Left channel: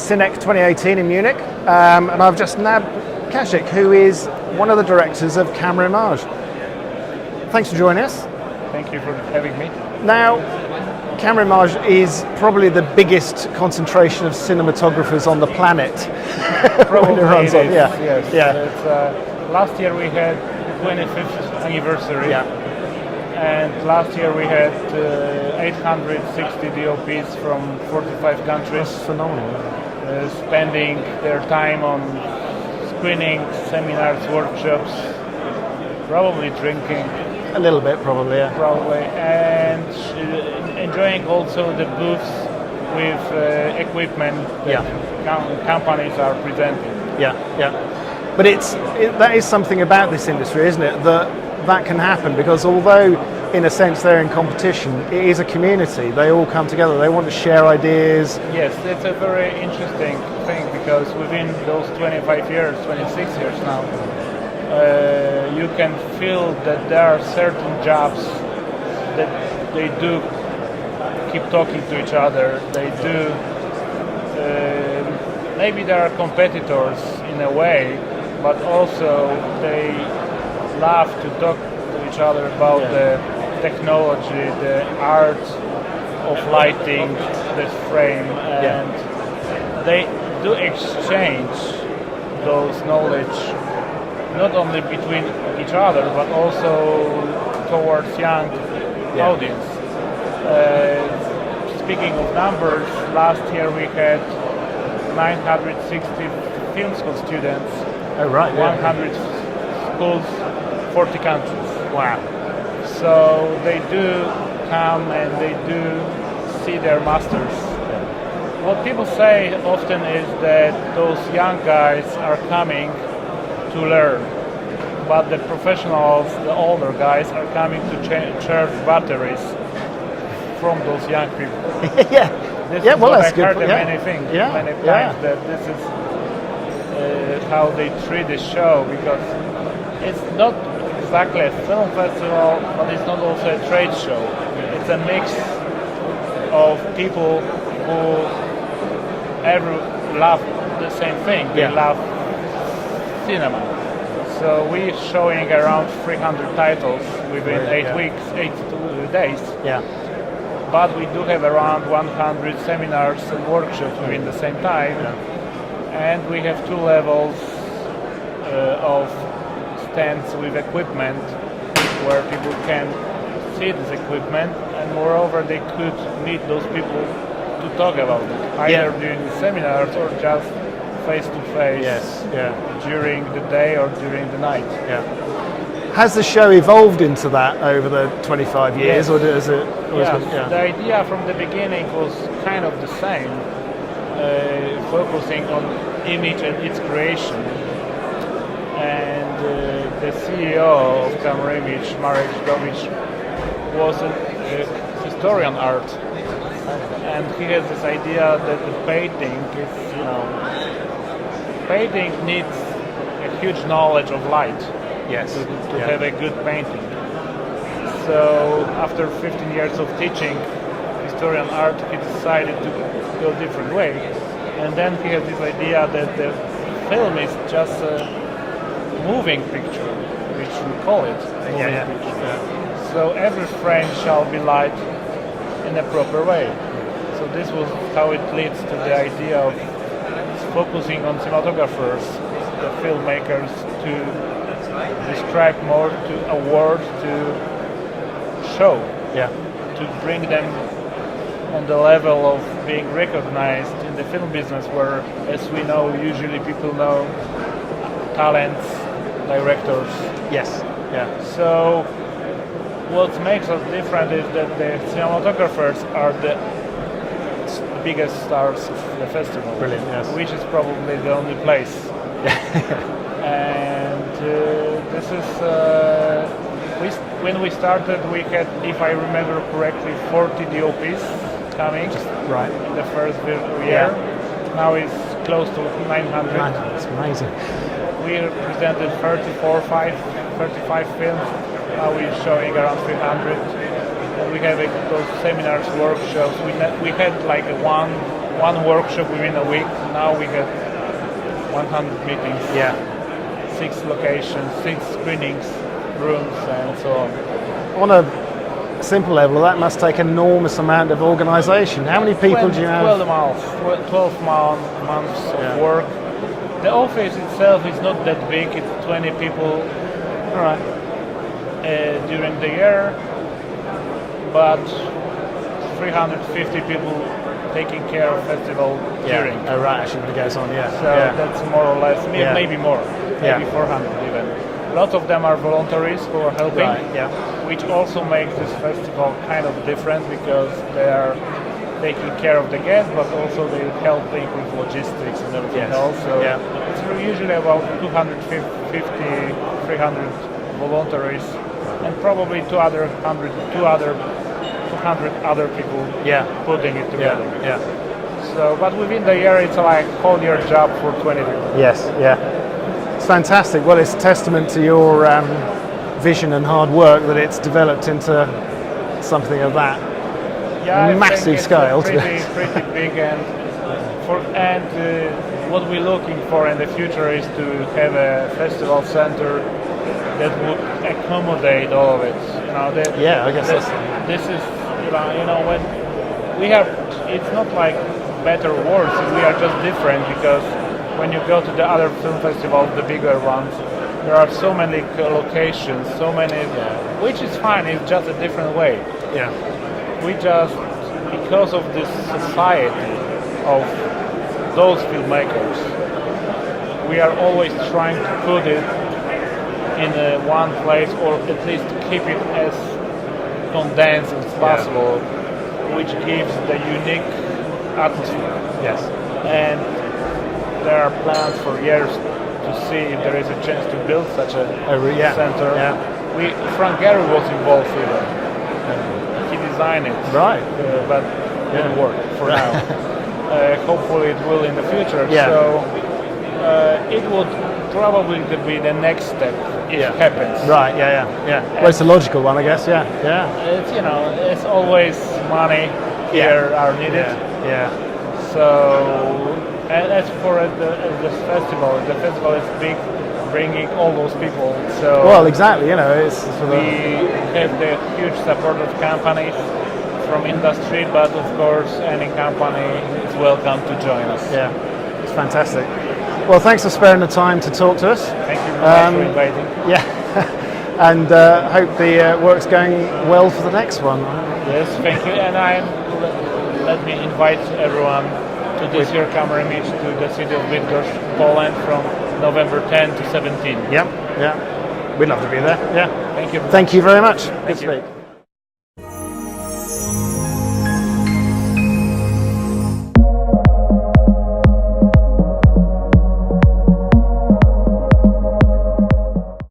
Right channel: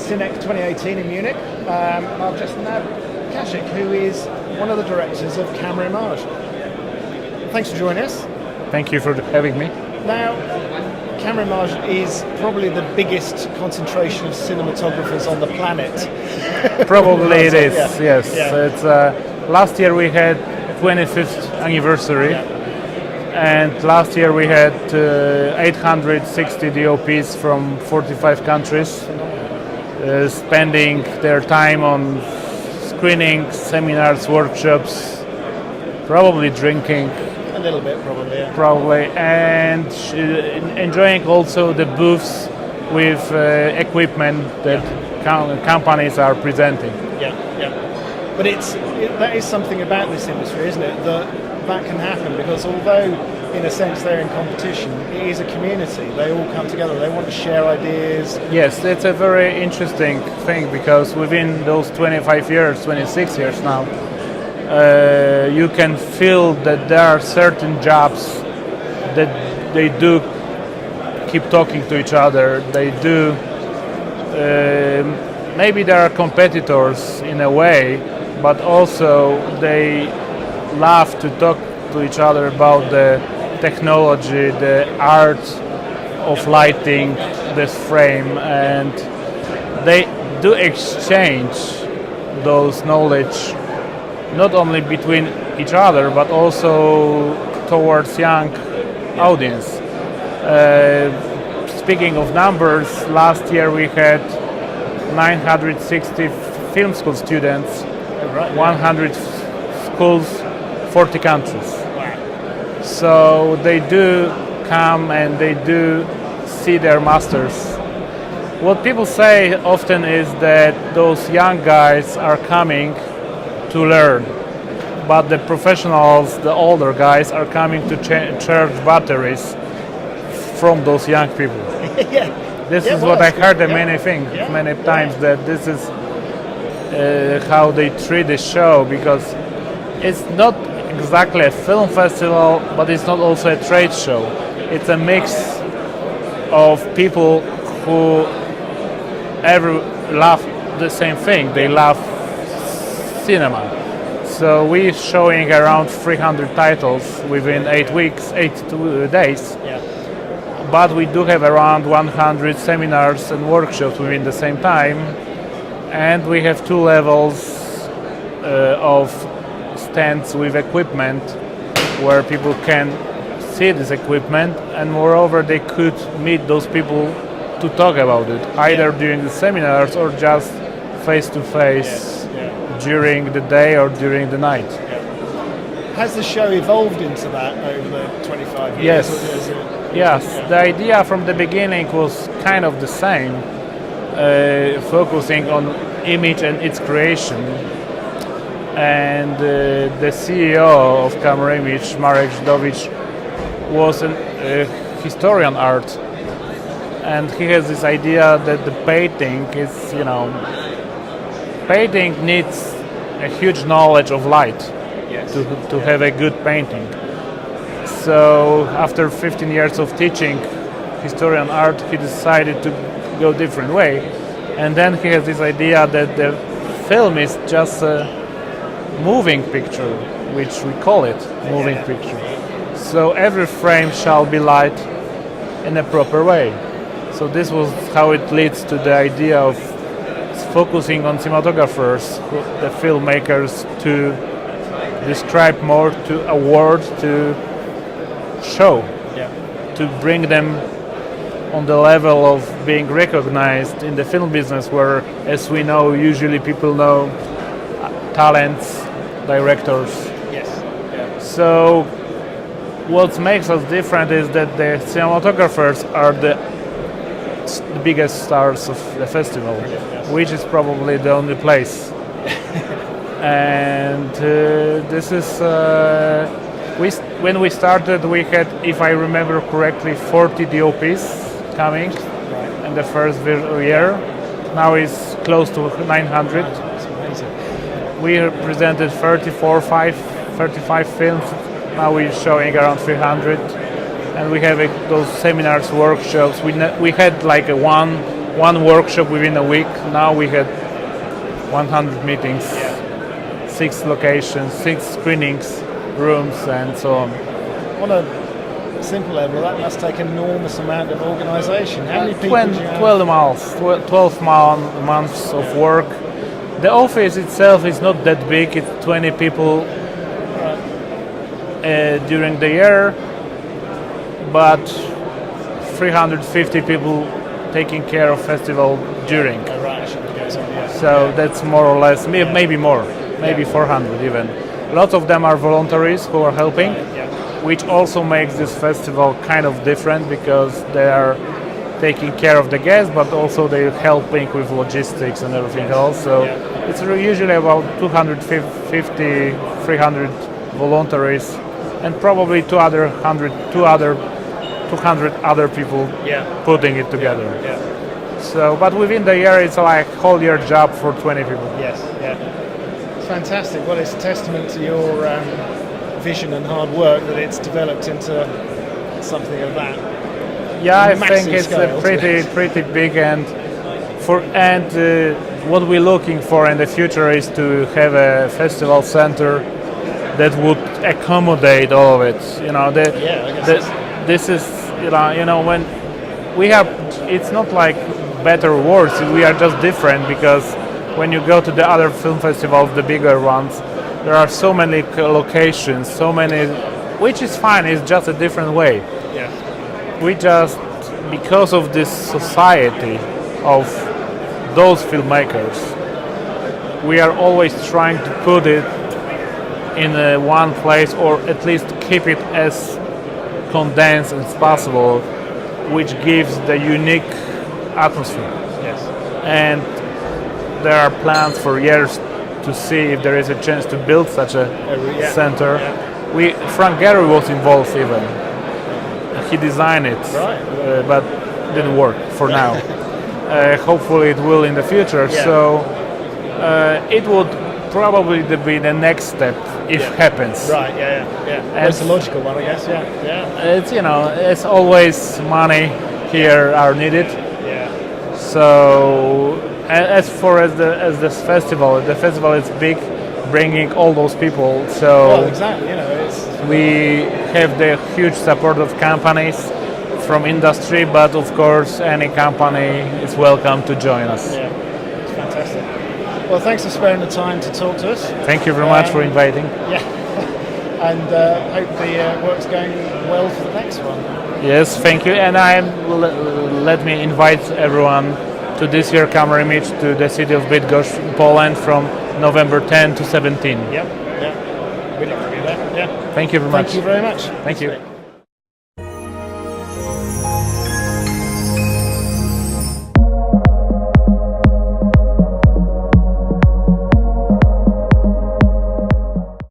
Cinec 2018 in Munich, and I've just nabbed Kazik, who is one of the directors of Cameraimage. Thanks for joining us. Thank you for having me. Now, Cameraimage is probably the biggest concentration of cinematographers on the planet. Probably it is, yeah. yes. Yeah. It's, last year we had 25th anniversary, and last year we had 860 DOPs from 45 countries. Phenomenal. Spending their time on screenings, seminars, workshops, probably drinking. A little bit, probably, yeah. Probably, and enjoying also the booths with equipment that companies are presenting. Yeah, yeah. But that is something about this industry, isn't it? That can happen because although, in a sense, they're in competition, it is a community. They all come together. They want to share ideas. Yes, it's a very interesting thing because within those 25 years, 26 years now, you can feel that there are certain jobs that they do keep talking to each other. They do. Maybe there are competitors in a way, but also they love to talk to each other about the technology, the art of lighting this frame, and they do exchange those knowledge not only between each other but also towards young audience. Speaking of numbers, last year we had 960 film school students, 100 schools, 40 countries. Wow. So they do come and they do see their masters. What people say often is that those young guys are coming to learn, but the professionals, the older guys, are coming to charge batteries from those young people. This is what I've heard many times, that this is how they treat the show, because it's not exactly a film festival, but it's not also a trade show. It's a mix of people who love the same thing. They love cinema. So we're showing around 300 titles within 8 days. Yeah. But we do have around 100 seminars and workshops within the same time. And we have 2 levels of stands with equipment where people can see this equipment, and moreover they could meet those people to talk about it, either during the seminars or just face to face during the day or during the night. Has the show evolved into that over the 25 years? Yes. Or is it, The idea from the beginning was kind of the same, focusing on image and its creation. And the CEO of Cameraimage, Bydgoszcz, was a historian art, and he has this idea that the painting is, painting needs a huge knowledge of light to have a good painting. So after 15 years of teaching historian art, he decided to go a different way, and then he has this idea that the film is just a moving picture, which we call it moving picture. So every frame shall be light in a proper way. So this was how it leads to the idea of focusing on cinematographers, the filmmakers, to describe more, to award, to show, to bring them on the level of being recognized in the film business, where, as we know, usually people know talents, directors. Yes. So what makes us different is that the cinematographers are the biggest stars of the festival, which is probably the only place. And this is when we started, we had, if I remember correctly, 40 DOPs coming in the first year. Now it's close to 900. That's amazing. We presented 35 films. Now we're showing around 300, and we have those seminars, workshops. We had like one one workshop within a week. Now we had 100 meetings, 6 locations, 6 screenings, rooms, and so on. On a simple level, that must take an enormous amount of organisation. How many people do you have? 12 months of work. The office itself is not that big. It's 20 people during the year, but 350 people taking care of festival during. Oh, right, actually, it goes on, So that's more or less, maybe more, maybe 400 even. Lots of them are voluntaries who are helping, which also makes this festival kind of different because they are taking care of the guests, but also they're helping with logistics and everything else. So it's usually about 250, 300 voluntaries, and probably 200 other people putting it together. So, but within the year, it's like whole year job for 20 people. Yes, It's fantastic. Well, it's a testament to your vision and hard work that it's developed into something of that. I massive think it's scale. pretty big, and what we're looking for in the future is to have a festival center that would accommodate all of it. This is when we have. It's not like better or worse. We are just different because when you go to the other film festivals, the bigger ones, there are so many locations, which is fine. It's just a different way. We just, because of this society of those filmmakers, we are always trying to put it in one place, or at least keep it as condensed as possible, which gives the unique atmosphere. And there are plans for years to see if there is a chance to build such a center. Frank Gehry was involved even. He designed it, but didn't work for now. Hopefully it will in the future. So it would probably be the next step if it happens. Well, it's a logical one, I guess. It's it's always money here are needed. So as far as this festival, the festival is big, bringing all those people. So exactly. we have the huge support of companies from industry, but of course any company is welcome to join us. It's fantastic. Well, thanks for sparing the time to talk to us. Thank you very much for inviting. And hope the work's going well for the next one. Yes, thank you. And let me invite everyone to this year Cameraimage to the city of Bydgoszcz, Poland, from November 10 to 17. We'd love to be there. Thank you very much. Thank you very much. Thank you.